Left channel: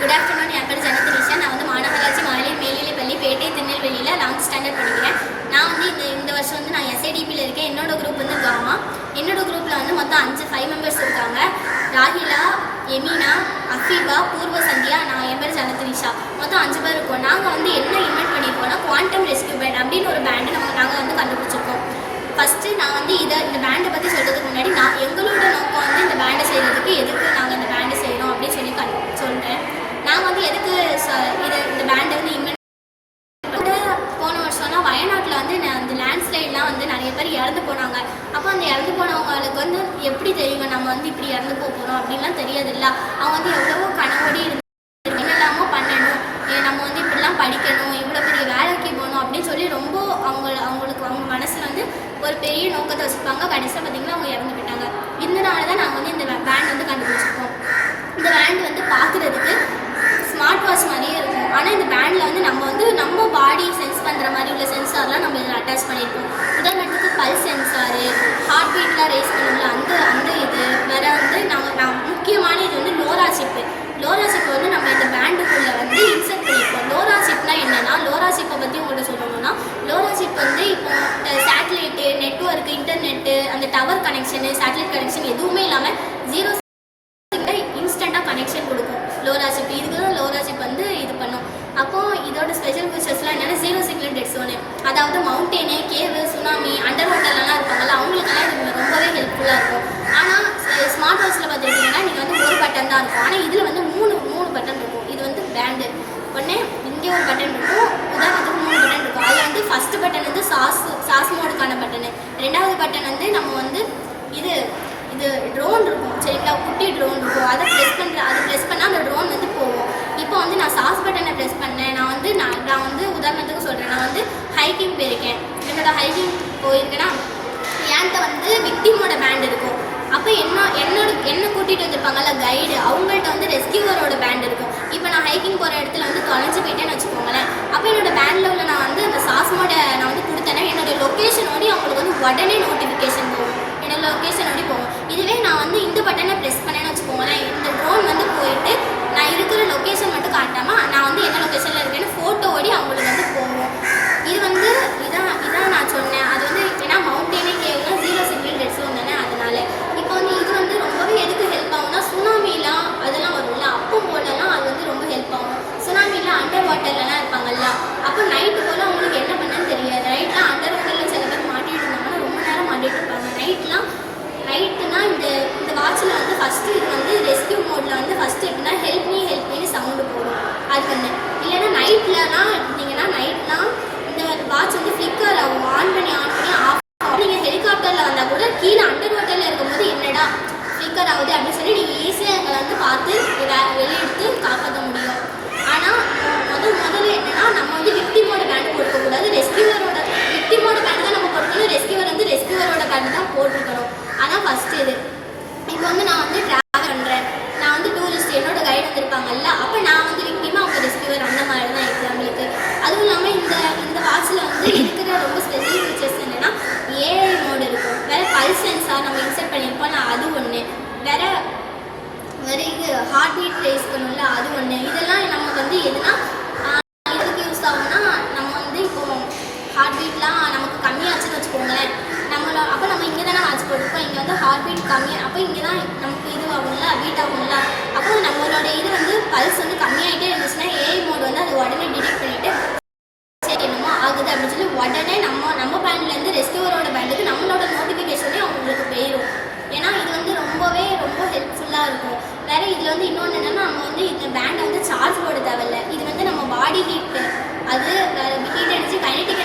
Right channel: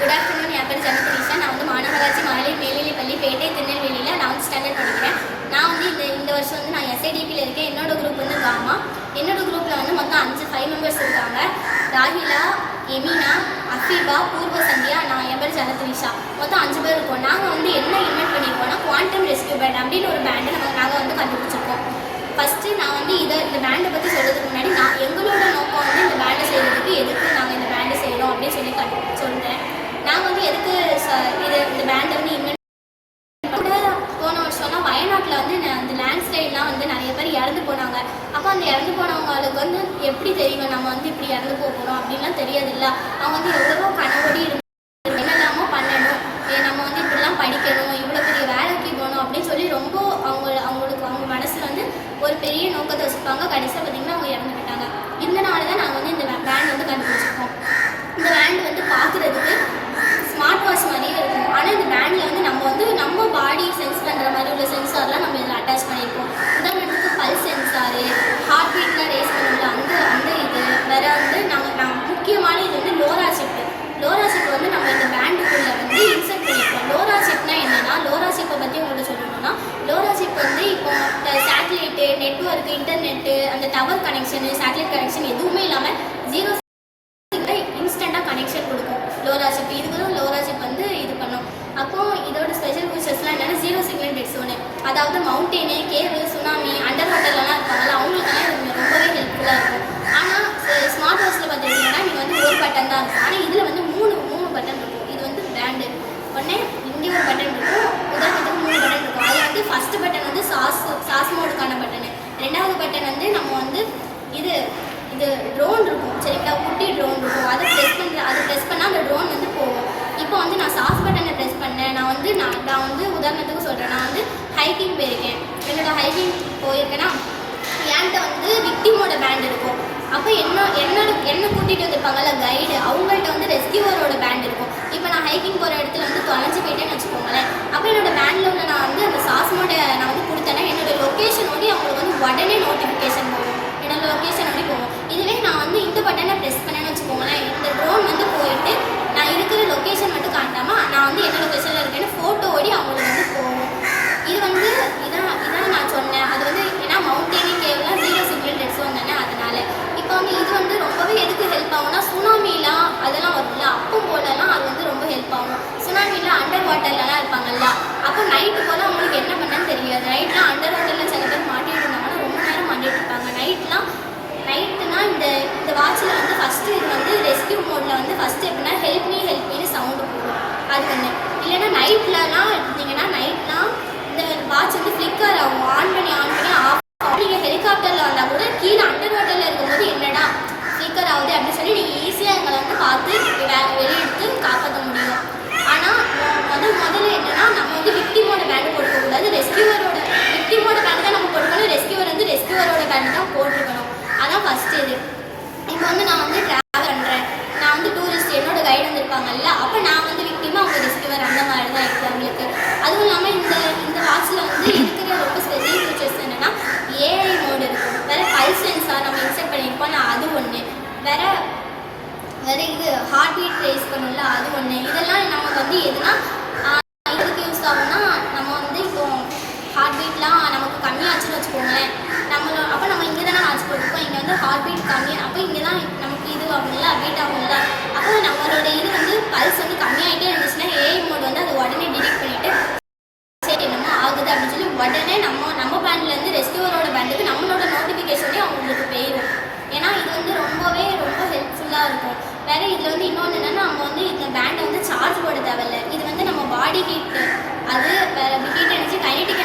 Good afternoon. என் பேர் ஜனதரிஷா. நான் வந்து மாநகராட்சி மகளிர் மேல்நிலைப்பள்ளி பேட்டை திருநெல்வேலியில் 11th ஸ்டாண்டர்ட் படிக்கிறேன். நான் வந்து இந்த வருஷம் வந்து நான் SIDPயில் இருக்கேன். என்னோட குரூப் வந்து காமா. என்னோட குரூப்பில் வந்து மொத்தம் 5 மெம்பர்ஸ் இருக்காங்க. ராகிலா, எமினா, அஃபீபா, பூர்வ சந்தியா, நான் என் பேர் ஜனதரிஷா. மொத்தம் 5 பேர் இருக்கோம். நாங்கள் வந்து என்ன இன்வென்ட் பண்ணியிருக்கோம்னா குவாண்டம் ரெஸ்கியூ பேண்ட் அப்படின்னு ஒரு பேண்டு நாங்கள் வந்து கண்டுபிடிச்சிருக்கோம். ஃபஸ்ட்டு நான் வந்து இந்த பேண்டை பற்றி சொல்கிறதுக்கு முன்னாடி எங்களோட நோக்கம் வந்து இந்த பேண்டை செய்கிறதுக்கு எதுக்கு நாங்கள் இந்த பேண்டை செய்கிறோம் அப்படின்னு சொல்கிறேன். நாங்கள் வந்து எதுக்கு இந்த பேண்டை வந்து இன்வென்ட் போன வருஷம்லாம் வயநாட்டில் வந்து அந்த லேண்ட்ஸ்லைட்லாம் வந்து நிறைய பேர் இறந்து போனாங்க. அப்போ அந்த இறந்து போனவங்களுக்கு வந்து எப்படி தெரியுங்க நம்ம வந்து இப்படி இறந்து போகிறோம் அப்படின்லாம் தெரியாதுல்ல. அவங்க வந்து எவ்வளவோ கனவோடி என்னெல்லாமோ பண்ணணும், நம்ம வந்து இப்படிலாம் படிக்கணும், இவ்வளோ பெரிய வேலைக்கு போகணும் அப்படின்னு சொல்லி ரொம்ப அவங்களுக்கு அவங்க மனசில் வந்து ஒரு பெரிய நோக்கத்தை வச்சுருப்பாங்க. கடைசியாக பார்த்திங்கன்னா அவங்க இறந்து போயிட்டாங்க. இதனால தான் நாங்கள் வந்து இந்த பேண்ட் வந்து கண்டுபிடிச்சிருக்கோம். இந்த பேண்ட் வந்து பார்க்குறதுக்கு ஸ்மார்ட் வாட்ச் மாதிரியே இருக்கும். ஆனால் இந்த பேண்டில் வந்து நம்ம பாடி சென்ஸ் பண்ணுற மாதிரி உள்ள சென்சார்லாம் நம்ம இதில் அட்டாச் பண்ணியிருக்கோம். உதாரணத்துக்கு பல்ஸ் சென்சாரு, ஹார்ட் பீட்லாம் ரேஸ் பண்ணல அந்த இது வேறு வந்து முக்கியமான இது வந்து லோரா சிப்பு. லோரா சிப்பை வந்து நம்ம இந்த பேண்டுக்குள்ளே வந்து இன்செர்ட் பண்ணியிருக்கோம். லோரா சிப்னா என்னென்னா, லோரா சிப்பை பற்றி உங்கள்கிட்ட சொல்லணும்னா, லோரா சிப் வந்து இப்போ சேட்டலைட்டு, நெட்வொர்க்கு, இன்டர்நெட்டு, அந்த டவர் கனெக்ஷனு, சேட்டலைட் கனெக்ஷன் எதுவுமே இல்லாமல் 0 இன்ஸ்டண்ட்டாக கனெக்ஷன் கொடுக்கும் லோரா சிப். இதுக்கு தான் லோரா சிப் வந்து இது பண்ணும். அப்போது இதோட ஸ்பெஷல் ஃபீச்சர்ஸ்லாம் என்னென்னா 0 சிக்னல் டெட் ஜோனு. அதாவது மவுண்டெயினு, கேவு, சுனாமி, அண்டர் வாட்டர்லாம் இருப்பாங்கல்ல, அவங்களுக்கெல்லாம் இது ரொம்பவே ஹெல்ப்ஃபுல்லாக இருக்கும். ஆனால் ஸ்மார்ட் வாட்சில் பார்த்துக்கிட்டிங்கன்னா நீங்கள் வந்து ஒரு பட்டன் தான் இருக்கும். ஆனால் இதில் வந்து மூணு பட்டன் இருக்கும். இது வந்து பேண்டு உடனே இங்கே ஒரு பட்டன் இருக்கும். உதாரணத்துக்கு 3 பட்டன் இருக்கும். அதில் வந்து ஃபஸ்ட்டு பட்டன் வந்து சாஸ் மோடுக்கான பட்டனு. 2வது பட்டன் வந்து நம்ம வந்து இது ட்ரோன் இருக்கும் சரிங்களா, குட்டி ட்ரோன் இருக்கும். அதை ப்ரெஸ் பண்ணால் அந்த ட்ரோன் வந்து போகும். இப்போ வந்து நான் சாஸ் பட்டனை ப்ரெஸ் பண்ணேன். நான் வந்து உதாரணத்துக்கு சொல்கிறேன். நான் வந்து ஹைக்கிங் போயிருக்கேன். என்னோட ஹைக்கிங் போயிருக்கேன்னா என்கிட்ட வந்து விக்டிமோட பேண்ட் இருக்கும். அப்போ என்ன கூட்டிகிட்டு வந்திருப்பாங்கல்ல கைடு, அவங்கள்ட்ட வந்து ரெஸ்கியூவரோட பேண்ட் இருக்கும். இப்போ நான் ஹைக்கிங் போகிற இடத்துல வந்து தொலைஞ்சு போயிட்டேன்னு வச்சுக்கோங்களேன். அப்போ என்னோட பேண்டில் உள்ள நான் வந்து அந்த சாஸ்மோட நான் வந்து கொடுத்தேன்னா என்னோட லொக்கேஷனோடய அவங்களுக்கு வந்து உடனே நோட்டிஃபிகேஷன் போகும். என்னோட லொக்கேஷனோடய போகும். இதுவே நான் வந்து இந்த பட்டனை ப்ரெஸ் பண்ணேன்னு வச்சுக்கோங்களேன், இந்த ட்ரோன் வந்து போயிட்டு நான் இருக்கிற லொக்கேஷன் மட்டும் காட்டாமல் நான் வந்து என்ன லொக்கேஷனில் இருக்கேன்னு ஃபோட்டோவோடி அவங்களுக்கு வந்து போகும். இது வந்து இதான் நான் சொன்னேன். அது வந்து ஏன்னா மவுண்டெயினே கேவெலாம் 0 சிக்னல் டெட் ஜோன் தானே, அதனால இப்போ வந்து இது வந்து ரொம்பவே எதுக்கு ஹெல்ப் ஆகும்னா, சுனாமிலாம் அதெல்லாம் வரும்ல, அப்போ போலலாம் அது வந்து ரொம்ப ஹெல்ப் ஆகும். சுனாமியில் அண்டர் வாட்டர்லலாம் இருப்பாங்கல்ல, அப்போ நைட்டு போல் அவங்களுக்கு என்ன பண்ணான்னு தெரியாது. நைட்லாம் அண்டர் வாட்டரில் சில பேர் மாட்டிட்டு இருந்தாங்கன்னா ரொம்ப நேரம் மாட்டிட்டு இருப்பாங்க. நைட்டுனா இந்த வாட்சில் வந்து ஃபஸ்ட்டு இது வந்து ரெஸ்கியூ மோடில் வந்து ஃபஸ்ட்டு எப்படின்னா ஹெல்ப் மீன்னு சவுண்டு போடும். அது ஒன்று. இல்லைன்னா நைட்லலாம் எடுத்தீங்கன்னா நைட்லாம் இந்த வாட்ச் வந்து ஃப்ளிக்கர் ஆகும். ஆன் பண்ணி ஆஃப். நீங்கள் ஹெலிகாப்டரில் வந்தால் கூட கீழே அண்டர் வாட்டரில் இருக்கும்போது என்னடா ஃப்ளிக்கர் ஆகுது அப்படின்னு சொல்லி நீங்கள் ஈஸியாக எங்களை வந்து பார்த்து வெளியெடுத்து காப்பாற்ற முடியும். ஆனால் முதல்ல என்னென்னா நம்ம வந்து விக்டிமோட பேண்டு போட்டுக்கக்கூடாது. விக்டிமோட பேண்டு தான் நம்ம போட்டுக்கணும். ரெஸ்கியூவர் வந்து ரெஸ்கியூவரோட பேண்டு தான் போட்டுருக்கணும். அதான் ஃபஸ்ட்டு இது. இப்போ வந்து நான் வந்து ட்ராவல் பண்ணுறேன். நான் வந்து டூரிஸ்ட், என்னோட கைடு வந்திருப்பாங்கல்ல, அப்போ நான் வந்து விக்டிமா அவங்க ரெஸ்கியூவர் அந்த மாதிரி தான் இருக்குது அவங்களுக்கு. அதுவும் இல்லாமல் இந்த வாட்சில் வந்து இருக்கிற ரொம்ப ஸ்பெஷல் ஃபீச்சர்ஸ் என்னென்னா AI மோடு இருக்கும். வேறு பல்ஸ் சென்சார் நம்ம இன்செர்ட் பண்ணியிருப்போம். அது ஒன்று. வேறு இது ஹார்ட் பீட் ரேஸ் பண்ணல, அது ஒன்று. இதெல்லாம் நமக்கு வந்து எதுனா இதுக்கு யூஸ் ஆகும்னா, நம்ம வந்து இப்போது ஹார்ட் பீட்லாம் நமக்கு கம்மியாச்சுன்னு வச்சுக்கோங்களேன், அப்போ நம்ம இங்கே தானே வாட்ச் போட்டிருக்கோம். இங்கே வந்து ஹார்ட் பீட் கம்மியாக, அப்போ இங்கே தான் நமக்கு இது ஆகும்ல, பீட் ஆகும்ல. அப்போ நம்மளோட இது வந்து பல்ஸ் வந்து கம்மியாகிட்டே இருந்துச்சுன்னா AI மோடு வந்து அது உடனே டிடெக்ட் பண்ணிவிட்டு சரி என்னமோ ஆகுது அப்படின்னு சொல்லி உடனே நம்ம பேண்ட்லேருந்து ரெஸ்கியூவரோட பேண்டுக்கு நம்மளோட நோட்டிஃபிகேஷனே அவங்களுக்கு போயிடும். ஏன்னா இது வந்து ரொம்ப ஹெல்ப்ஃபுல்லாக இருக்கும். வேறு இதில் வந்து இன்னொன்று என்னென்னா, நம்ம வந்து இந்த பேண்டை வந்து சார்ஜ் போட தேவையில்லை. இது வந்து நம்ம பாடி ஹீட்டு, அது ஹீட் அடிச்சு கைனடிக்